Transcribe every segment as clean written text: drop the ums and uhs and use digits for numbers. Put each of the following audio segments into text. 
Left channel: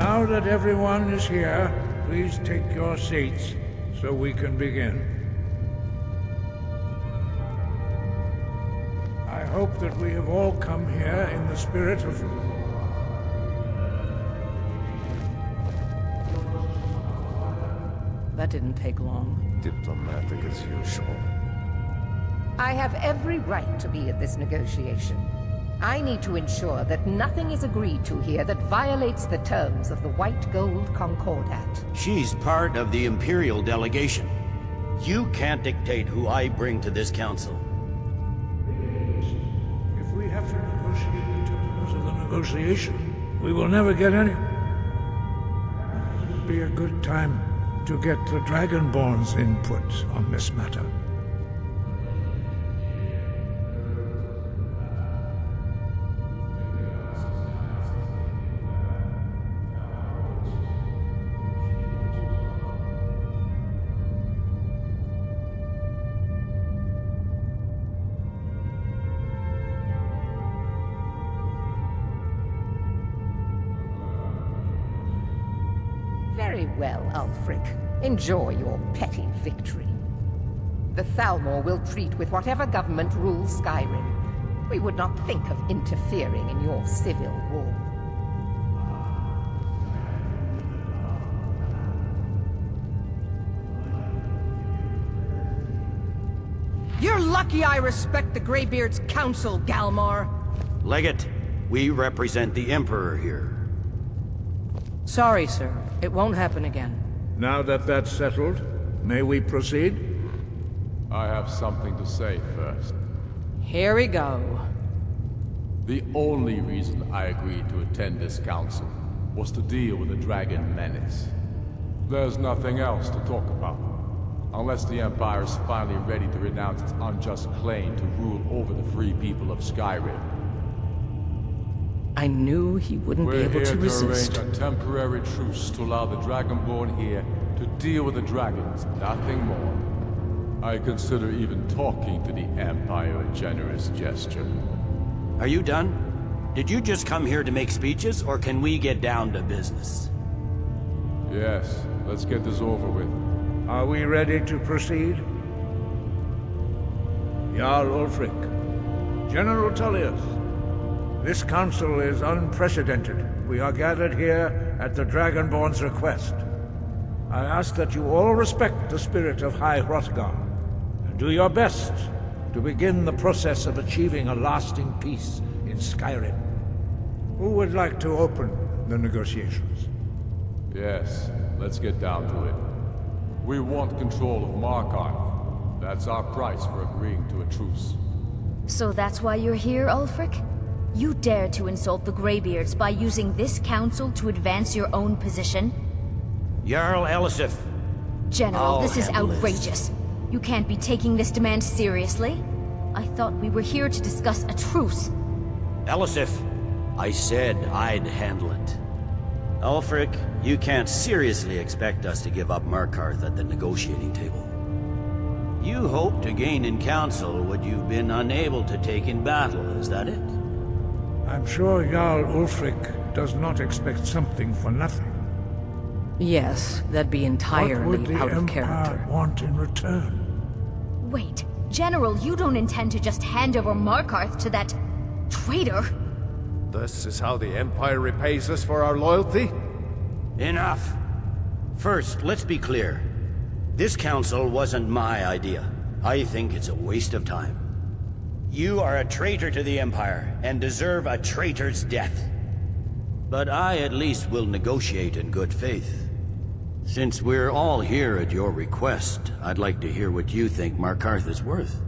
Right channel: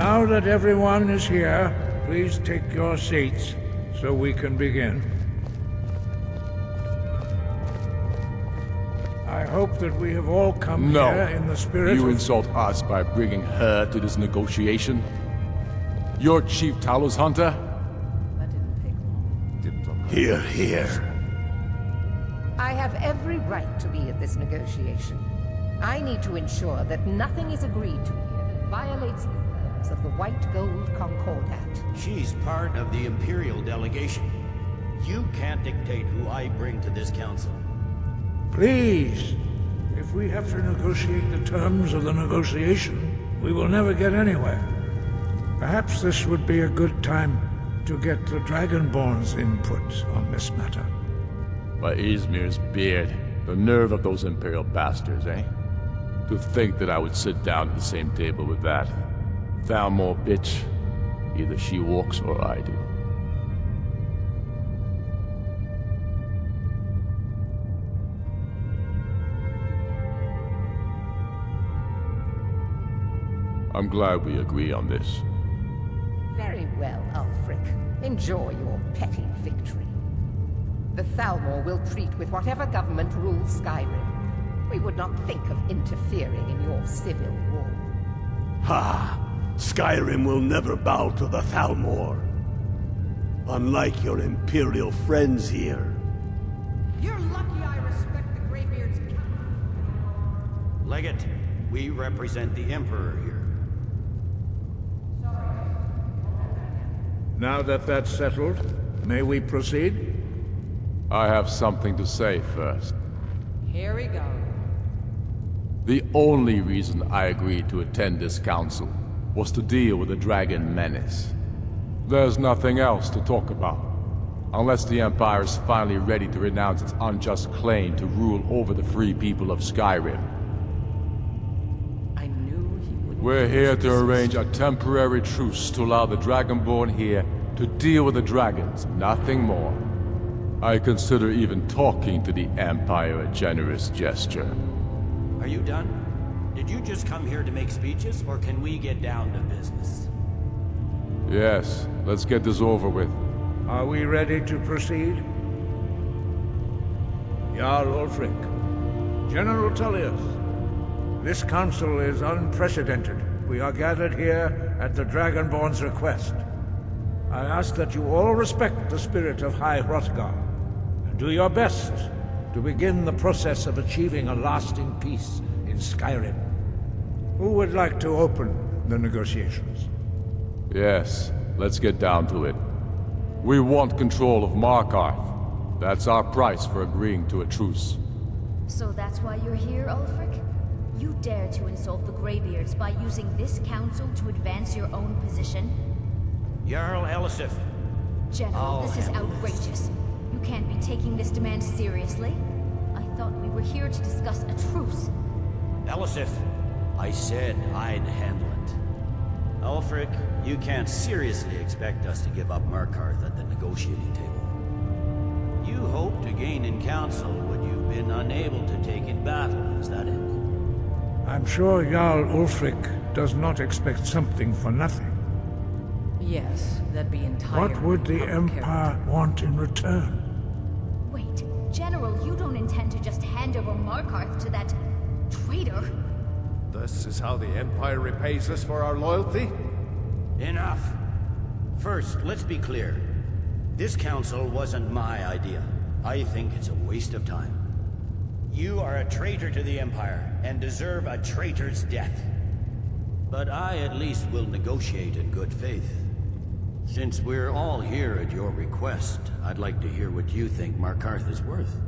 Now that everyone is here, please take your seats so we can begin. I hope that we have all come here in the spirit You of... insult us by bringing her to this negotiation? You're Chief Talos Hunter? That didn't take long. Diplomat. Here. I have every right to be at this negotiation. I need to ensure that nothing is agreed to here that violates the terms of the White Gold Concordat. She's part of the Imperial delegation. You can't dictate who I bring to this council. Please, if we have to negotiate the terms of the negotiation, we will never get anywhere. Perhaps this would be a good time to get the Dragonborn's input on this matter. By Izmir's beard, the nerve of those Imperial bastards, eh? To think that I would sit down at the same table with that. Thalmor bitch. Either she walks or I do. I'm glad we agree on this. Very well, Ulfric. Enjoy your petty victory. The Thalmor will treat with whatever government rules Skyrim. We would not think of interfering in your civil war. Ha! Skyrim will never bow to the Thalmor. Unlike your Imperial friends here. You're lucky I respect the Greybeard's counsel, Galmar. Legate, we represent the Emperor here. Sorry, sir. It won't happen again. Now that that's settled, may we proceed? I have something to say first. Here we go. The only reason I agreed to attend this council was to deal with the Dragon Menace. There's nothing else to talk about. Unless the Empire is finally ready to renounce its unjust claim to rule over the free people of Skyrim. I knew he wouldn't We're be able here to to arrange resist. a temporary truce to allow the Dragonborn here to deal with the dragons, nothing more. I consider even talking to the Empire a generous gesture. Are you done? Did you just come here to make speeches, or can we get down to business? Yes, let's get this over with. Are we ready to proceed? Jarl Ulfric, General Tullius, this council is unprecedented. We are gathered here at the Dragonborn's request. I ask that you all respect the spirit of High Hrothgar, and do your best to begin the process of achieving a lasting peace in Skyrim. Who would like to open the negotiations? Yes, let's get down to it. We want control of Markarth. That's our price for agreeing to a truce. So that's why you're here, Ulfric? You dare to insult the Greybeards by using this council to advance your own position? Jarl Elisif. General, I'll this is handle this. outrageous. You can't be taking this demand seriously. I thought we were here to discuss a truce. Elisif, I said I'd handle it. Ulfric, you can't seriously expect us to give up Markarth at the negotiating table. You hoped to gain in council what you've been unable to take in battle, is that it? I'm sure Jarl Ulfric does not expect something for nothing. Yes, that'd be entirely What would the out of Empire character. want in return? Wait, General, you don't intend to just hand over Markarth to that traitor? This is how the Empire repays us for our loyalty? Enough. First, let's be clear. This council wasn't my idea. I think it's a waste of time. You are a traitor to the Empire, and deserve a traitor's death. But I at least will negotiate in good faith. Since we're all here at your request, I'd like to hear what you think Markarth is worth.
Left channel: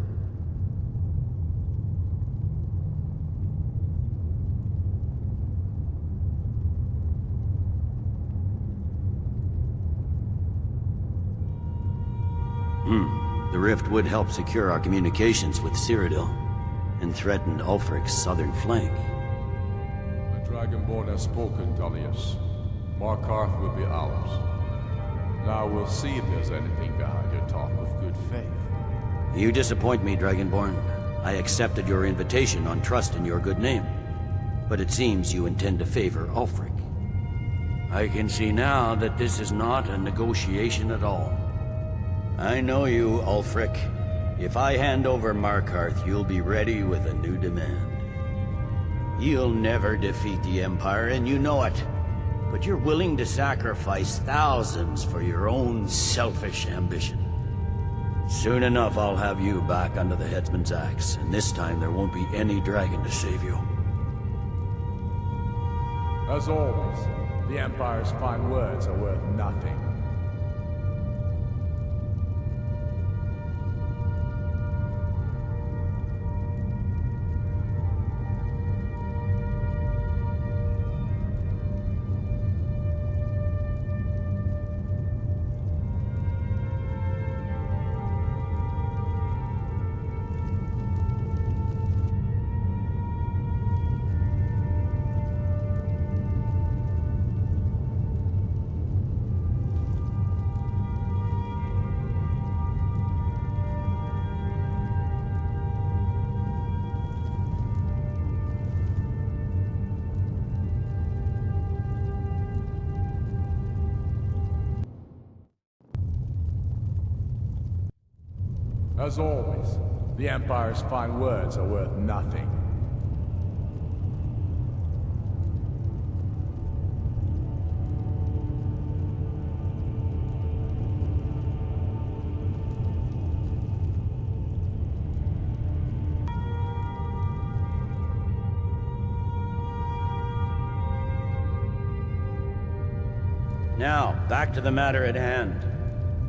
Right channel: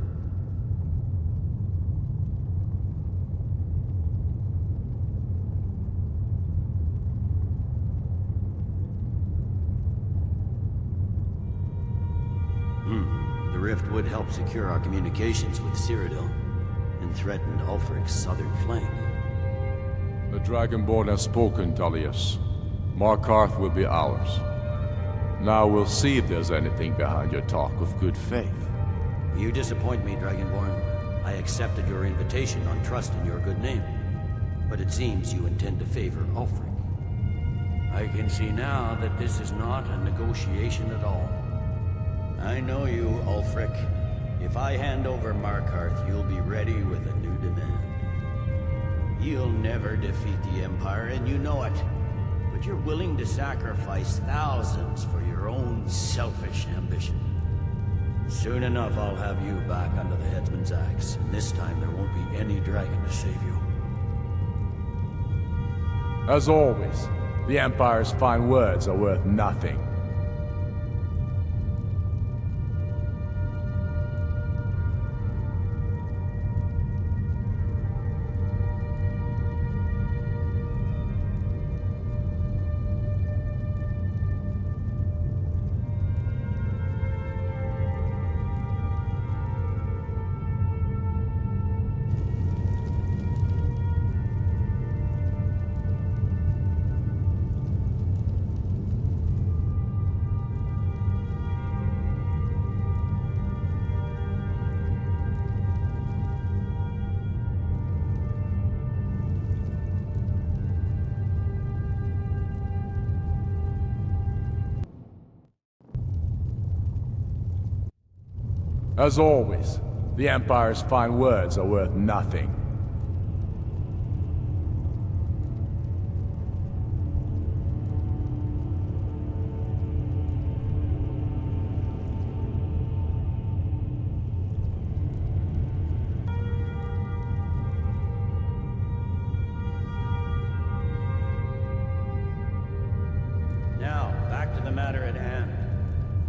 The rift would help secure our communications with Cyrodiil, and threatened Ulfric's southern flank. The Dragonborn has spoken, Tullius. Markarth will be ours. Now we'll see if there's anything behind your talk of good faith. You disappoint me, Dragonborn. I accepted your invitation on trust in your good name. But it seems you intend to favor Ulfric. I can see now that this is not a negotiation at all. I know you, Ulfric. If I hand over Markarth, you'll be ready with a new demand. You'll never defeat the Empire, and you know it. But you're willing to sacrifice thousands for your own selfish ambition. Soon enough, I'll have you back under the headsman's axe, and this time there won't be any dragon to save you. As always, the Empire's fine words are worth nothing. As always, the Empire's fine words are worth nothing. Now, back to the matter at hand.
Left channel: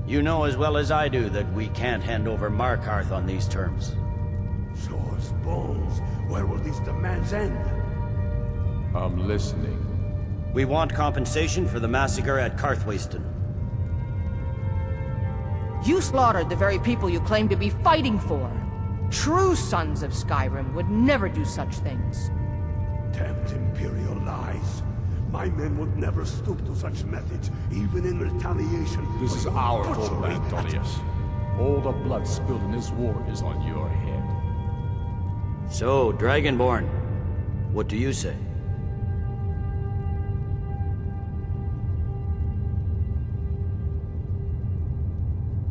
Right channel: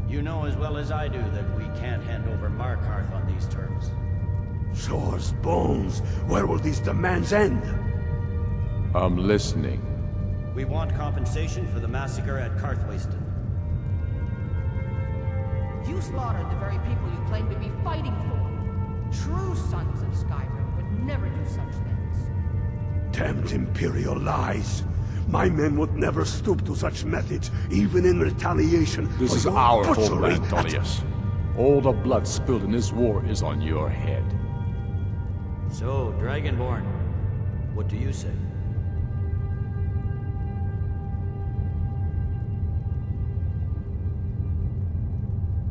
You know as well as I do that we can't hand over Markarth on these terms. Swords, bones, where will these demands end? I'm listening. We want compensation for the massacre at Karthwasten. You slaughtered the very people you claim to be fighting for. True sons of Skyrim would never do such things. Damned Imperial lies. My men would never stoop to such methods, even in retaliation This for is your our butchery homeland, Tullius. All the blood spilled in this war is on your head. So, Dragonborn, what do you say?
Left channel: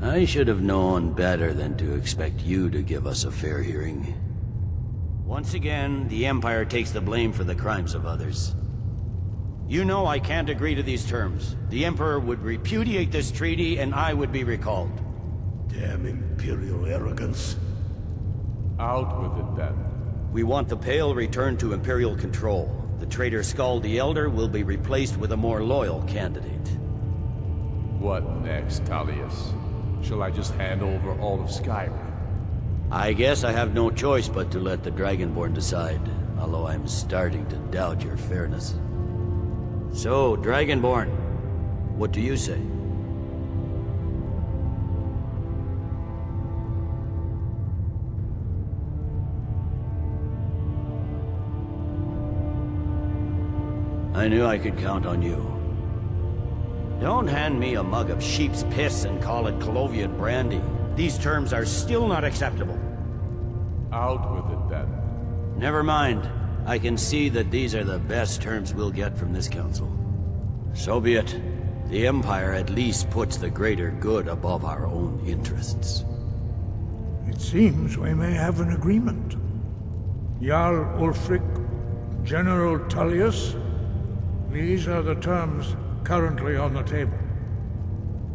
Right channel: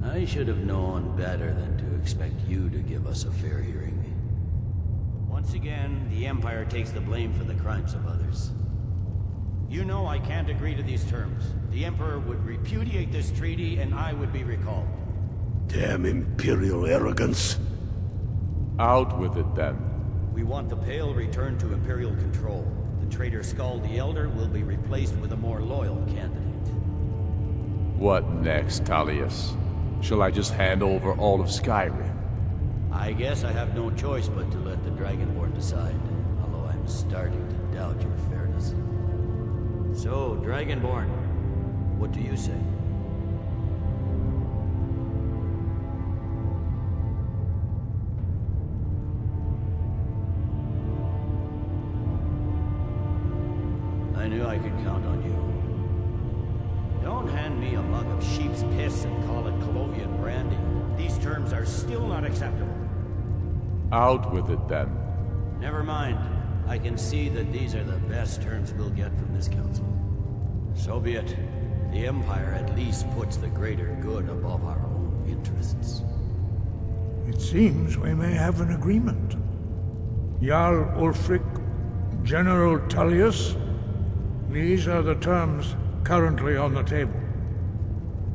I should have known better than to expect you to give us a fair hearing. Once again, the Empire takes the blame for the crimes of others. You know I can't agree to these terms. The Emperor would repudiate this treaty and I would be recalled. Damn Imperial arrogance. Out with it, then. We want the Pale returned to Imperial control. The traitor Skull the Elder will be replaced with a more loyal candidate. What next, Tullius? Shall I just hand over all of Skyrim? I guess I have no choice but to let the Dragonborn decide, although I'm starting to doubt your fairness. So, Dragonborn, what do you say? I knew I could count on you. Don't hand me a mug of sheep's piss and call it Colovian brandy. These terms are still not acceptable. Out with it, then. Never mind. I can see that these are the best terms we'll get from this council. So be it. The Empire at least puts the greater good above our own interests. It seems we may have an agreement. Jarl Ulfric, General Tullius, these are the terms currently on the table.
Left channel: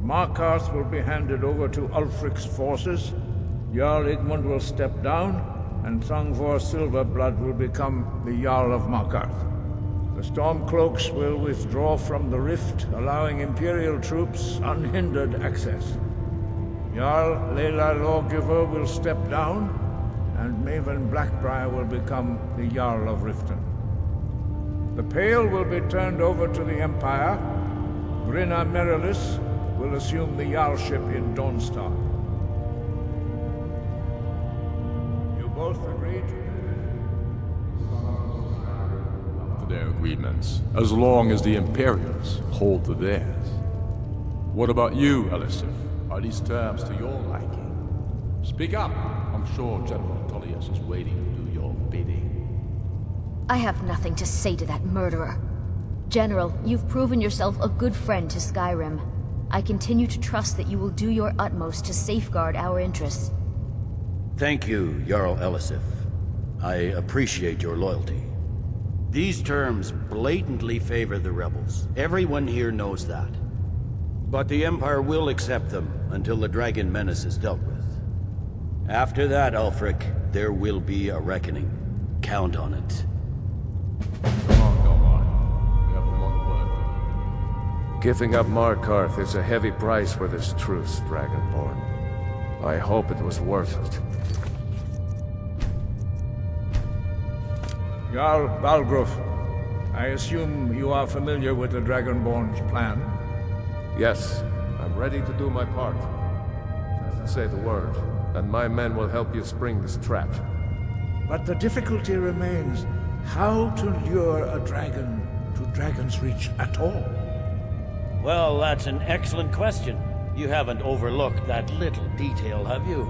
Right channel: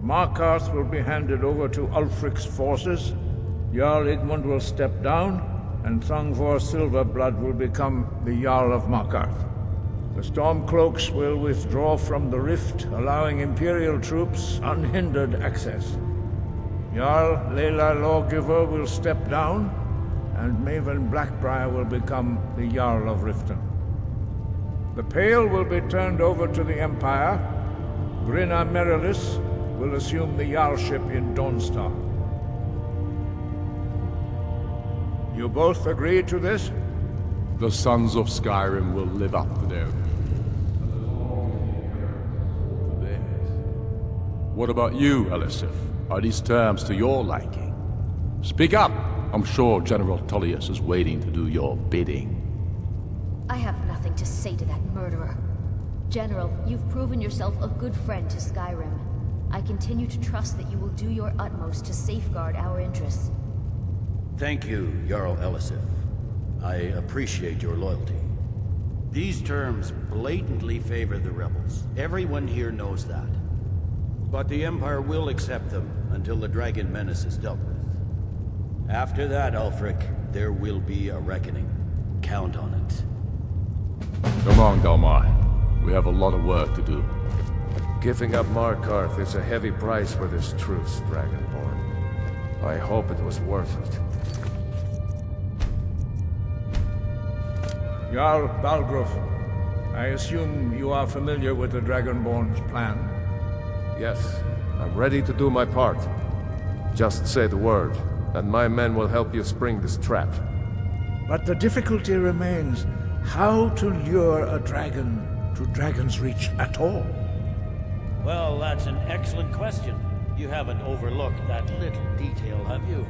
Markarth will be handed over to Ulfric's forces, Jarl Igmund will step down, and Thongvor Silverblood will become the Jarl of Markarth. The Stormcloaks will withdraw from the rift, allowing Imperial troops unhindered access. Jarl Layla Lawgiver will step down, and Maven Blackbriar will become the Jarl of Riften. The Pale will be turned over to the Empire. Grinna Merilis will assume the Jarlship in Dawnstar. You both agree to this? The Sons of Skyrim will live up to their agreements, as long as the Imperials hold to theirs. What about you, Elisif? Are these terms to your liking? Speak up! I'm sure General Tullius is waiting to do your bidding. I have nothing to say to that murderer. General, you've proven yourself a good friend to Skyrim. I continue to trust that you will do your utmost to safeguard our interests. Thank you, Jarl Elisif. I appreciate your loyalty. These terms blatantly favor the rebels. Everyone here knows that. But the Empire will accept them until the Dragon Menace is dealt with. After that, Ulfric, there will be a reckoning. Count on it. Come on, Galmar. We have a lot of work to do. Giving up Markarth is a heavy price for this truce, Dragonborn. I hope it was worth it. Jarl Balgruuf, I assume you are familiar with the Dragonborn's plan? Yes, I'm ready to do my part. Just say the word, and my men will help you spring this trap. But the difficulty remains how to lure a dragon to Dragon's Reach at all. Well, that's an excellent question. You haven't overlooked that little detail, have you?